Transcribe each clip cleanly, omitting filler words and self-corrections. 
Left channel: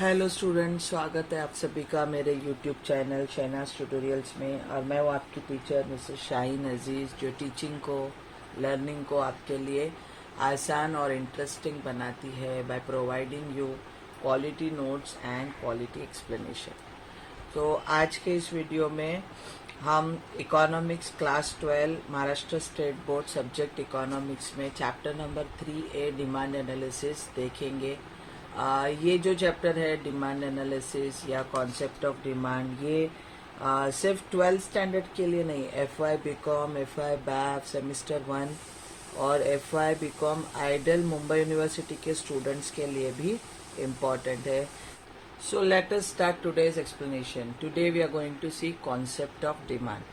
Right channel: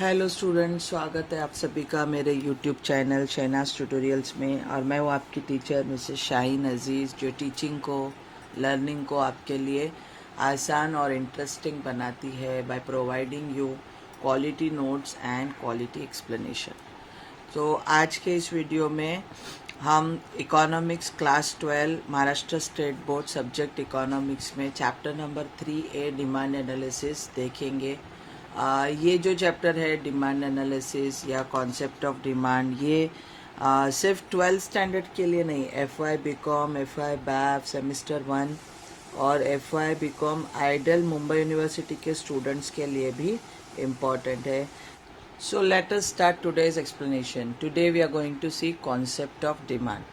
Hello students, स्वागत है आप सभी का मेरे यूट्यूब चैनल शहनाज ट्यूटोरियल्स में। और मैं हूँ आपकी टीचर मिसेस शाहीन अजीज़, जो टीचिंग को, लर्निंग को आपके लिए आसान और इंटरेस्टिंग बनाती है by providing you quality notes and quality explanation. तो आज के इस वीडियो में हम economics class 12 Maharashtra state board subject economics में chapter number 3A demand analysis देखेंगे। ये जो चैप्टर है डिमांड एनालिसिस या कॉन्सेप्ट ऑफ डिमांड, ये सिर्फ 12th स्टैंडर्ड के लिए नहीं, FY BCom, FY BAF semester 1 और FY BCom IDOL Mumbai university के स्टूडेंट्स के लिए भी इम्पॉर्टेंट है। So let us start today's explanation. Today we are going to see concept of demand.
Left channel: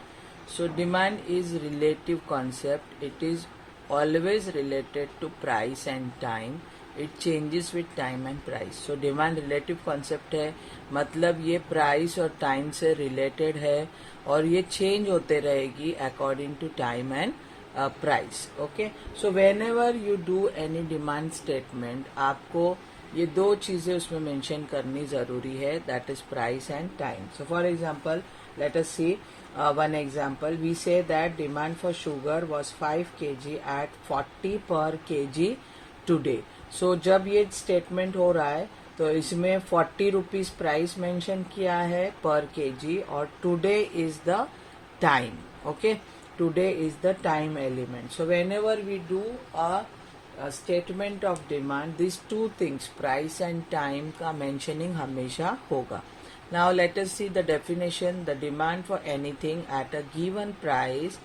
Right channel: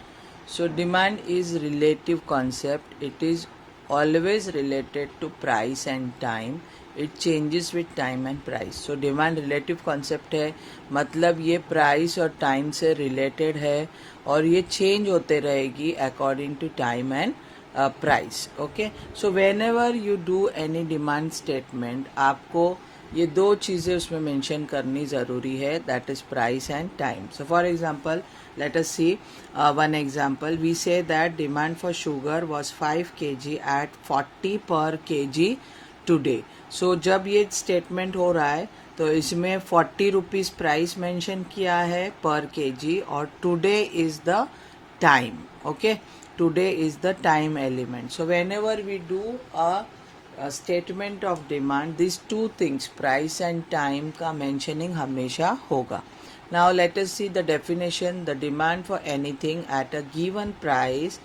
So demand is relative concept. It is always related to price and time. It changes with time and price. So demand relative concept है, मतलब ये price और time से related है और ये change होते रहेगी according to time and price. Okay. So whenever you do any demand statement, आपको ये दो चीज़ें उसमें मेंशन करनी ज़रूरी है, that is price and time. So for example let us see one example, we say that demand for sugar was 5 kg at 40 per kg today. सो जब ये स्टेटमेंट हो रहा है तो इसमें 40 रुपीज़ प्राइस मेंशन किया है पर kg और today is the time. Okay, today is the time element. So whenever we do a statement of demand, these two things price and time का mentioning हमेशा होगा। Now let us see the definition. The demand for anything at a given price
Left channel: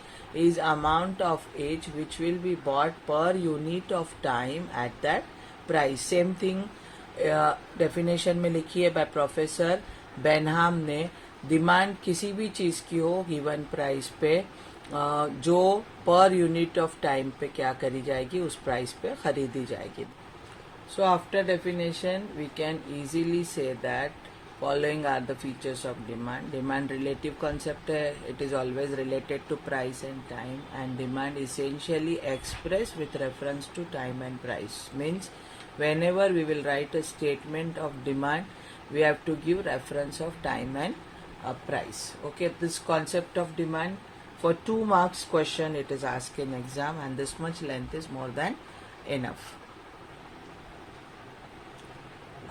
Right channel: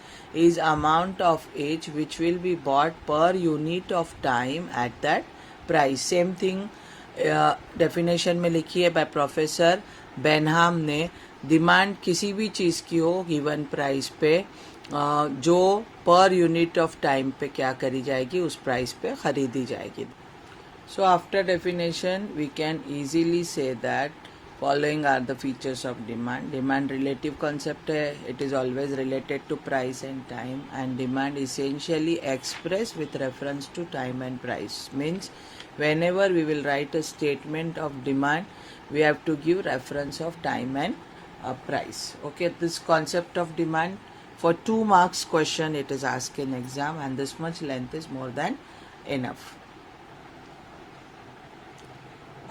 is amount of each which will be bought per unit of time at that price. Same thing definition में लिखी है by Professor Benham ने। Demand किसी भी चीज़ की हो given price पे, जो पर यूनिट ऑफ टाइम पे क्या करी जाएगी, उस प्राइस पे खरीदी जाएगी। So after definition we can easily say that following are the features of demand. Demand relative concept है, it is always related to price and time, and demand essentially express with reference to time and price. Means whenever we will write a statement of demand, we have to give reference of time and price. Okay, this concept of demand for 2 marks question it is asked in exam, and this much length is more than enough.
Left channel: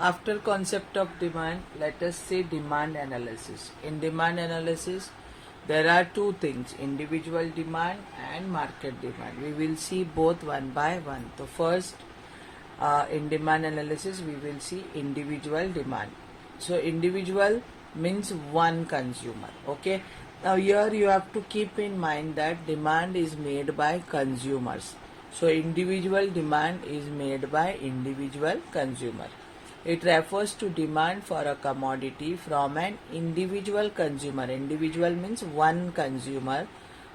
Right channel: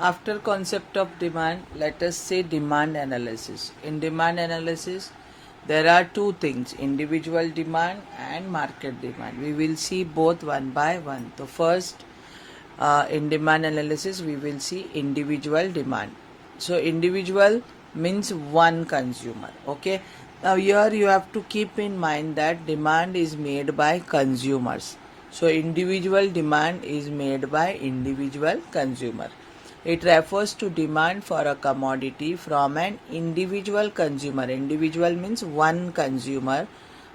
After concept of demand, let us say demand analysis. In demand analysis there are two things, individual demand and market demand. We will see both one by one. So first, in demand analysis we will see individual demand. So individual means one consumer. Okay, now here you have to keep in mind that demand is made by consumers. So individual demand is made by individual consumer. It refers to demand for a commodity from an individual consumer. Individual means one consumer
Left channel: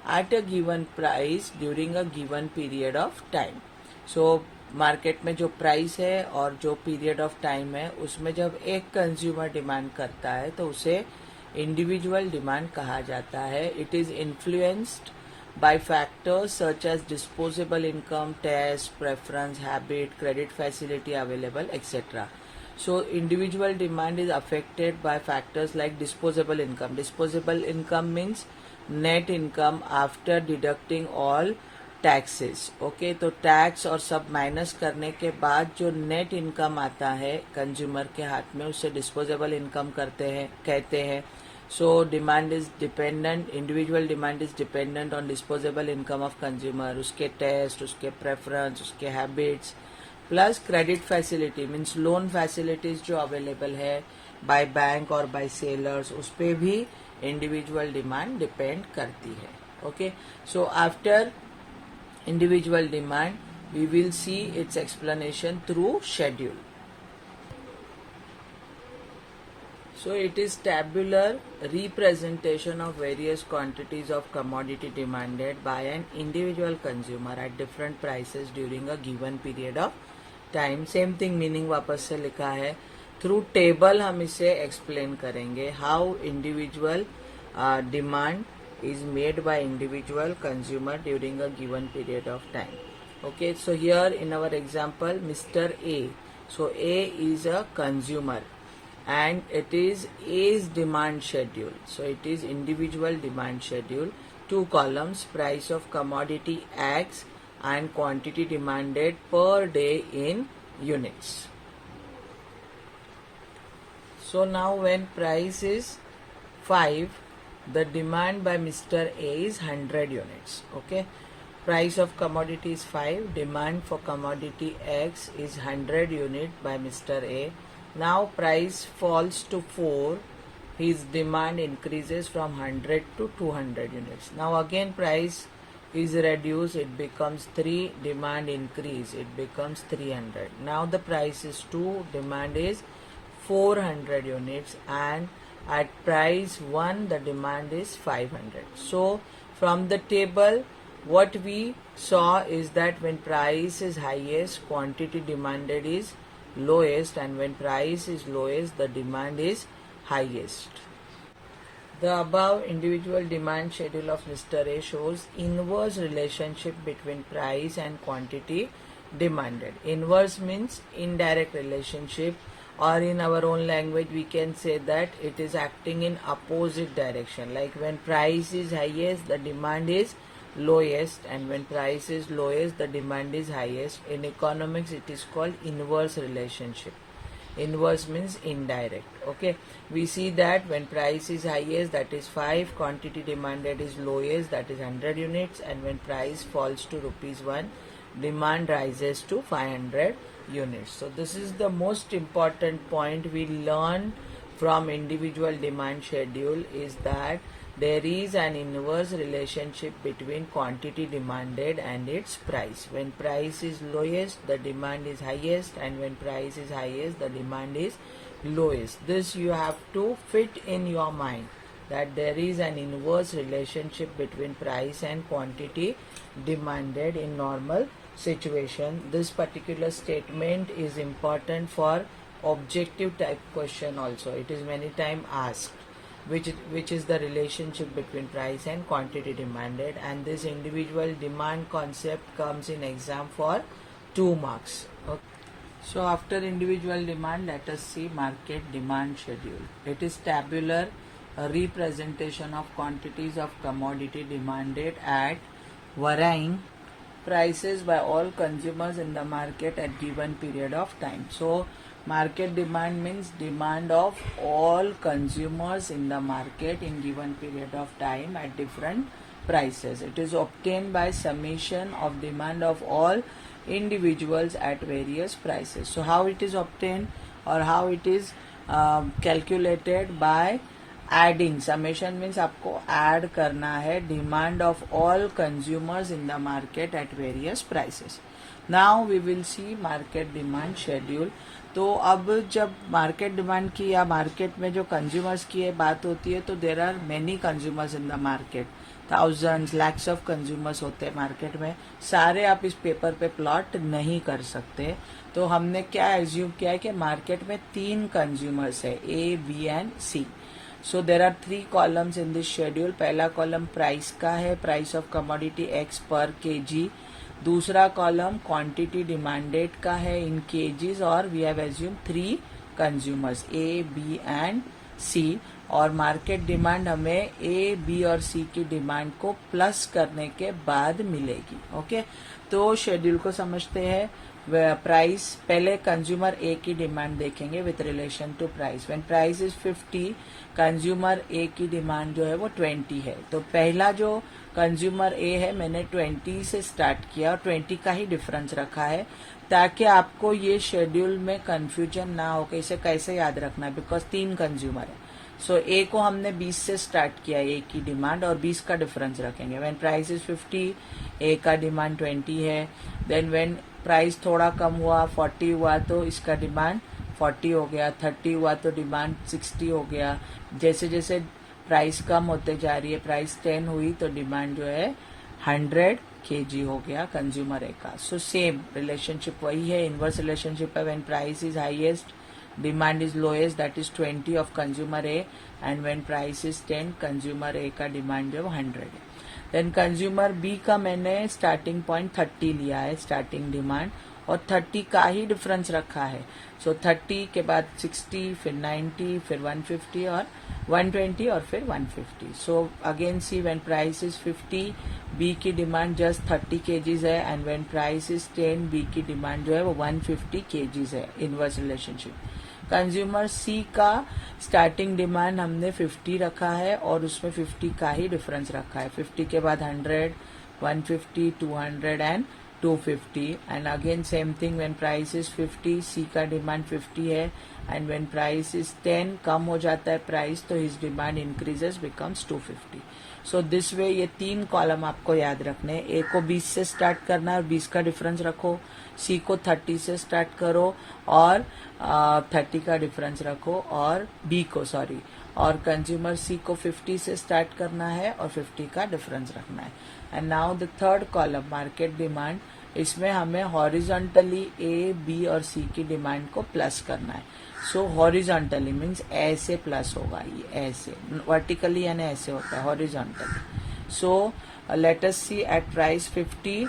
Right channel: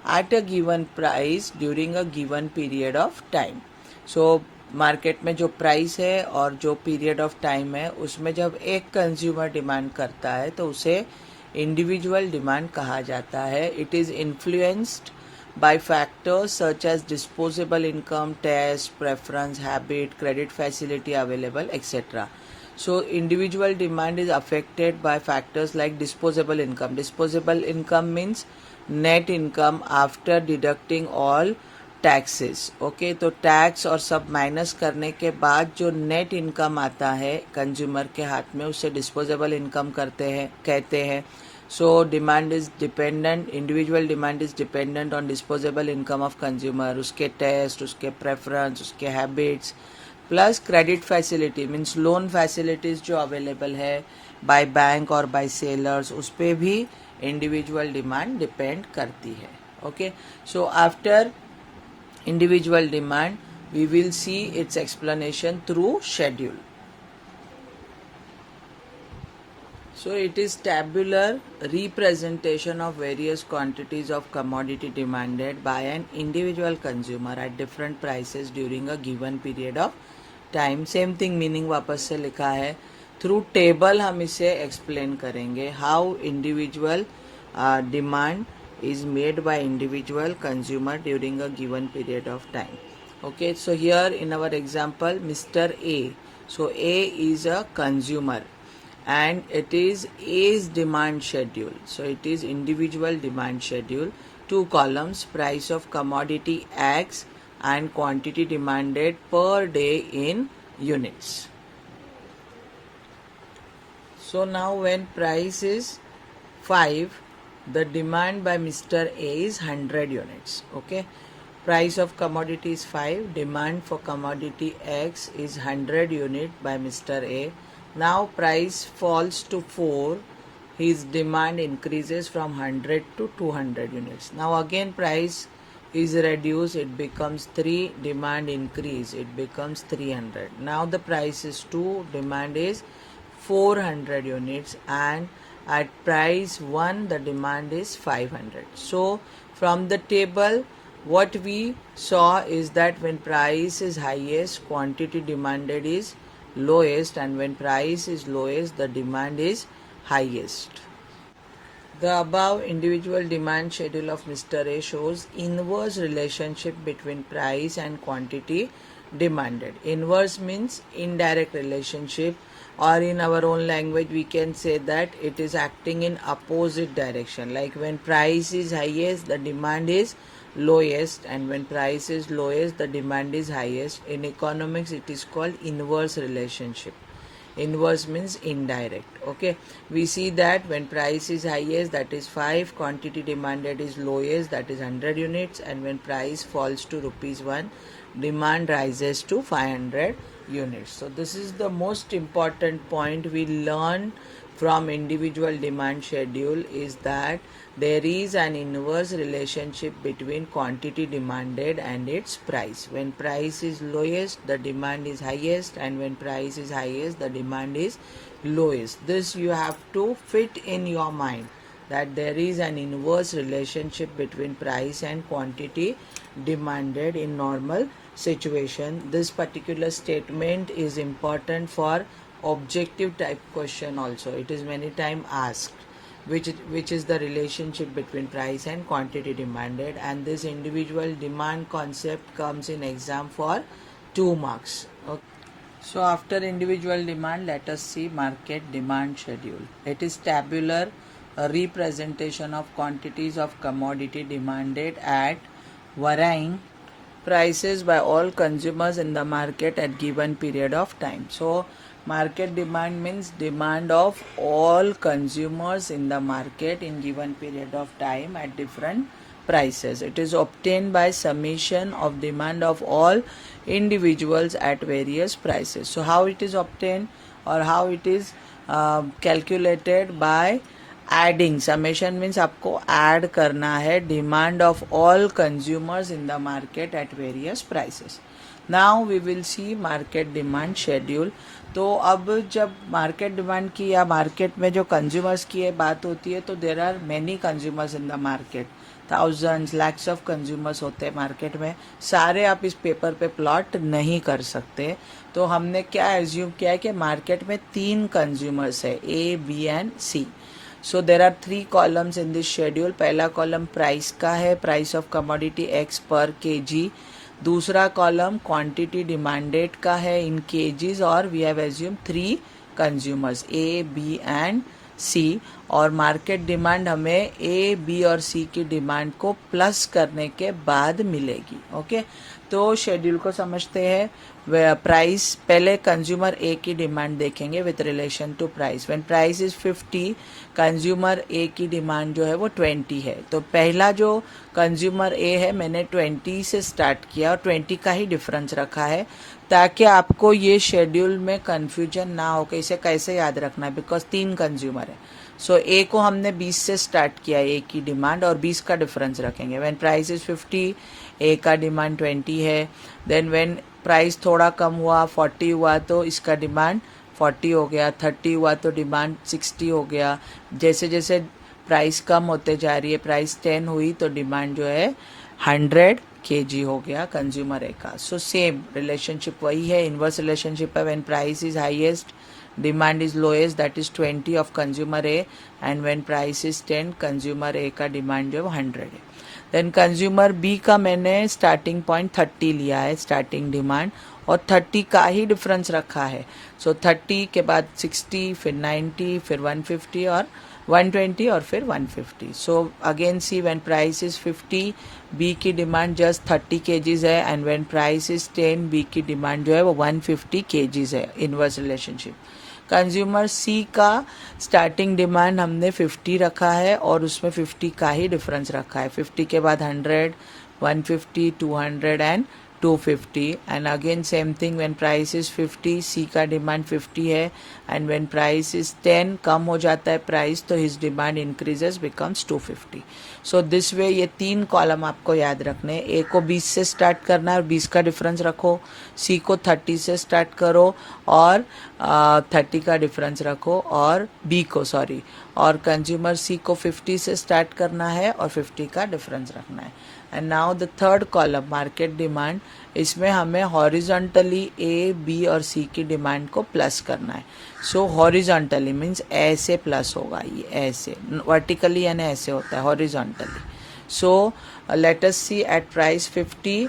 at a given price during a given period of time. So market में जो price है और जो period of time है उसमें जब एक consumer demand करता है तो उसे इंडिविजुअल डिमांड कहा जाता है। It is influenced by factors such as disposable income, taste, preference, habit, credit facility available, etc. So individual demand is affected by factors like disposable income. Disposable income means net income after deducting all taxes. Okay, तो tax और सब minus करने के बाद जो net income आता है consumer के हाथ में, उससे डिस्पोजेबल इनकम कहते हैं। So demand is dependent, individual demand is dependent on disposable income of consumer, उसके टेस्ट, उसके प्रेफरेंस, उसके habits, plus credit facility means loan facilities जो अवेलेबल है बाय बैंक और बाय सेलर्स, उस पर भी इंडिविजुअल डिमांड डिपेंड करती है। Okay, so after individual demand we will see its explanation through schedule. So it is tabular representation of various quantities of commodity demanded by an individual consumer at different prices during a given period of time. Same thing meaning वापस से लिखा है, through table हम इसे explain करेंगे how individual demand is made by individual consumer during a given period of time. Okay, so here in our example Mr. A, so A is a consumer and it is A's demand schedule. So it is individual demand schedule. 2 columns, price of commodity X and quantity demanded per day in units. So now when price is 5, the demand by Mr. A is 100 units. Okay. Price of commodity is 5, demand for commodity X is 100 unit by Mr. A. Now price falls to 4, his demand increases from 100 to 200 units. Now again price is reduced, it becomes 3, demand increase, it becomes 300. Now the price is 2, demand is 400 units, and at price 1 the demand is 500. So from the table what we saw is that when price is highest, quantity demanded is lowest, and when price is lowest, the demand is highest. The above individual demand schedule of Mr. A shows inverse relationship between price and quantity demanded. Inverse means indirect relationship, or in our own language we can say that it is acting in opposite direction. Like when price is highest, the demand is lowest, and when price is lowest, the demand is highest. In economics it is called inverse relationship. Inverse means indirect. Okay, we see that when price is highest, that is 5, quantity demanded is lowest, that is 100 units, and when price falls to ₹1, demand rises to 500 units. So this is the most important point we learn from individual demand schedule, is that there is an inverse relationship between quantity demanded and its price. When price is lowest, the demand is highest, and when price is highest, the demand is lowest. This you have to fit in your mind, that there is an inverse relationship between price and quantity demanded in normal situation. This particular statement is important for objective type question also. It is many times asked, which is the relationship between price and quantity demanded, and this individual demand concept comes in exam for 2 marks. Okay. So after individual demand, let us see market demand schedule. It is tabular, a representation of quantities of commodity demanded at varying prices by all consumers in the market at given period of time. So market demand means demand of all consumers in the market in given period of time at different prices. It is obtained by summation of demand of all individuals at various prices. So how it is obtained, or how it is calculated? By adding. Summation means आपको add करना है demand of all consumers in the market at various prices. Now we will see market demand schedule. तो अब जब market demand की या market में जो कंज्यूमर्स की बात होती है, तो there are many consumers in the market, thousands lakhs of consumers होते हैं मार्केट में. सारे आप इस पेपर पे प्लॉट नहीं कर सकते. तो हमने क्या एज्यूम किया है कि मार्केट में 3 कंज्यूमर्स है, A, B and C. So there are 3 columns in this schedule. पहला कॉलम प्राइस का है, price of commodity X per kg. दूसरा कॉलम क्वांटिटी डिमांडेड का है इन केजीज, और we have assume 3 consumers A, B and C. और market demand हमें ए, B और सी की डिमांड को प्लस करने के बाद मिलेगी. ओके, तो शेड्यूल को समझते हैं. प्राइस, पहले कंज्यूमर ए की डिमांड देखेंगे with relation to price. When price is 50, consumer A की डिमांड जो है वो 20 है. तो पहला जो कंज्यूमर ए है, मैंने 20 से स्टार्ट किया और 20 का ही डिफरेंस रखा है, ताकि आपको ये शेड्यूल में कंफ्यूजन ना हो कि इसे कैसे याद रखना है, बिकॉज 3 कंज्यूमर है. सो ए को हमने 20 से स्टार्ट किया, ए की डिमांड, और 20 का डिफरेंस रखेंगे. व्हेन प्राइस इज 50, ए का डिमांड 20 है. देन व्हेन प्राइस थोड़ा कम हुआ, 40 हुआ, तो इसका डिमांड 40 हो गया. 30 हुआ तो डिमांड 60 हो गया. जैसे जैसे प्राइस कम होते जा रही है, प्राइस 10 हुई तो डिमांड जो है 100 kg हो गया कंज्यूमर ए का. सो सेम रिलेशनशिप वही है, इनवर्स रिलेशनशिप है. When price is highest, demand is lowest, that is 20 of consumer A, and when price is 10, consumer A का डिमांड जो 100 है. देन कंज्यूमर बी का मैंने स्टार्टिंग पॉइंट 30 लिया है, स्टार्टिंग डिमांड, और 30 का ही डिफरेंस रखा है. सो 30 के बाद 60, फिर 90, फिर 150 और 120 और फिर 150. So again see when price is 50, B की डिमांड जस्ट 30 kgs है, and when price is 10, B की डिमांड जो है वो 150 kgs है. Inverse relationship. कंज्यूमर सी का स्टार्टिंग डिमांड हमने 50 रखा है और उसमें 50 का ही डिफरेंस रखा है. 50 के बाद 100, 150, 200 and 250. And again same thing, when price is 50, सी का डिमांड 50 है, एंड व्हेन प्राइस इज 10, कम हो जाता है प्राइस तो his demand increases, becomes 250. So this way ये 3 कॉलम आपको याद रखने हैं. ए को 20 से स्टार्ट करना है और 20 का डिफरेंस रखो. सी को 30 से स्टार्ट करो और 30 का डिफरेंस रखो. और बी को और कंज्यूमर सी को 50 से स्टार्ट करना है और 50 का डिफरेंस रखना है. And now the third column market demand, इसमें हमें हॉरिजॉन्टली ए, बी और सी की डिमांड को प्लस करना है. सो हॉरिजॉन्टली मीन्स ऐसे प्लस होगा, ये ऐसे. वर्टिकली यानी ऐसे होता है horizontally. So let us C at price 50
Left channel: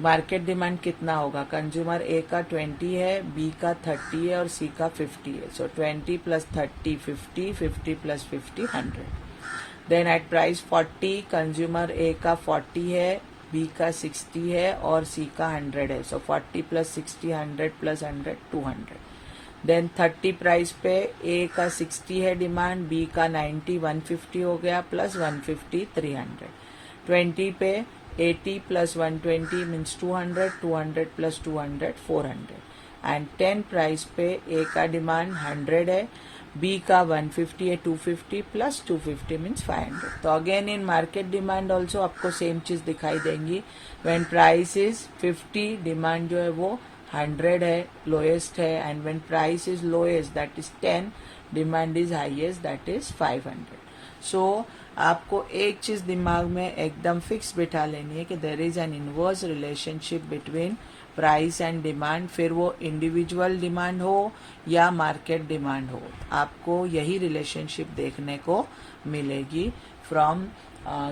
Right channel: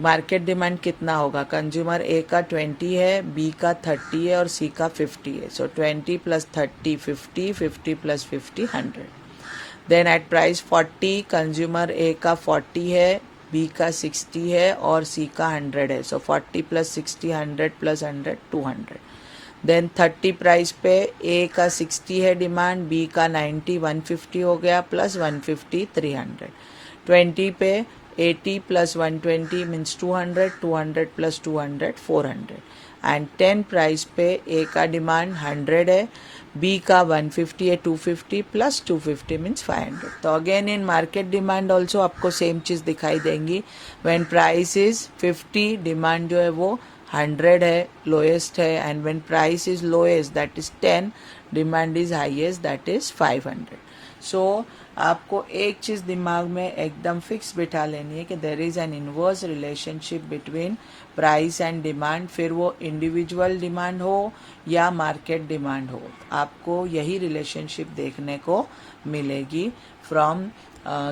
market demand कितना होगा. कंज्यूमर ए का 20 है, बी का 30 है और सी का 50 है. So 20 plus 30 50, 50 plus 50 100. Then at price 40 consumer A का 40 है, बी का 60 है और सी का 100 है. सो 40 प्लस 60 100 प्लस 100 200. देन 30 प्राइस पे ए का 60 है डिमांड, बी का 90 150 हो गया, प्लस 150 300. 20 पे 80 plus 120 means 200, 200 plus 200 400. And 10 price पे ए का डिमांड 100 है, बी का 150 है, 250 प्लस 250 मीन्स 500. तो again in market demand also आपको सेम चीज़ दिखाई देंगी. व्हेन प्राइस इज 50 डिमांड जो है वो 100 है, लोएस्ट है, and when price is lowest that is 10, demand is highest that is 500. सो आपको एक चीज़ दिमाग में एकदम फिक्स बिठा लेनी है कि there is an inverse relationship between price and demand. फिर वो इंडिविजुअल डिमांड हो या मार्केट डिमांड हो, आपको यही रिलेशनशिप देखने को मिलेगी from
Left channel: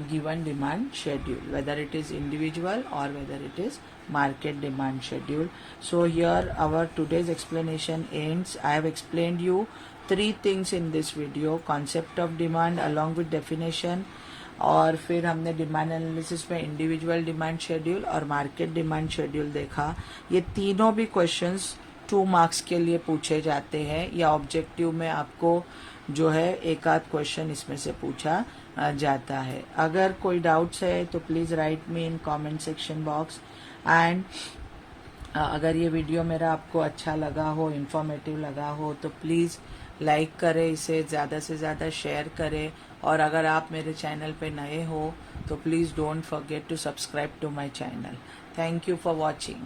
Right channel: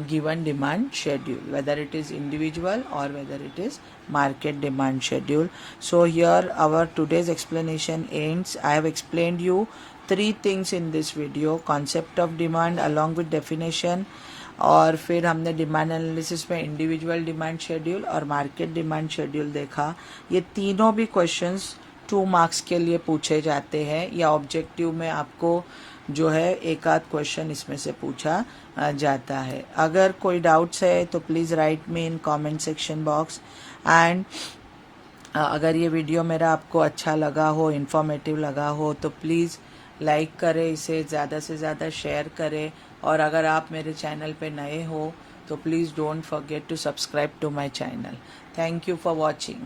given demand schedule, whether it is individual or whether it is market demand schedule. So here our today's explanation ends. I have explained you 3 things in this video: concept of demand along with definition, और फिर हमने demand analysis में individual demand schedule और market demand schedule देखा. ये तीनों भी questions 2 marks के लिए पूछे जाते हैं, या ऑब्जेक्टिव में आपको जो है एक आध क्वेश्चन इसमें से पूछा जाता है. अगर कोई डाउट्स है तो please write me in comment section box. And अगर ये वीडियो मेरा आपको अच्छा लगा हो, इन्फॉर्मेटिव लगा हो, तो प्लीज़ लाइक करें, इसे ज़्यादा से ज़्यादा शेयर करें. और अगर आप मेरे चैनल पे नए हो तो please don't forget to subscribe to my channel. Thank you for watching.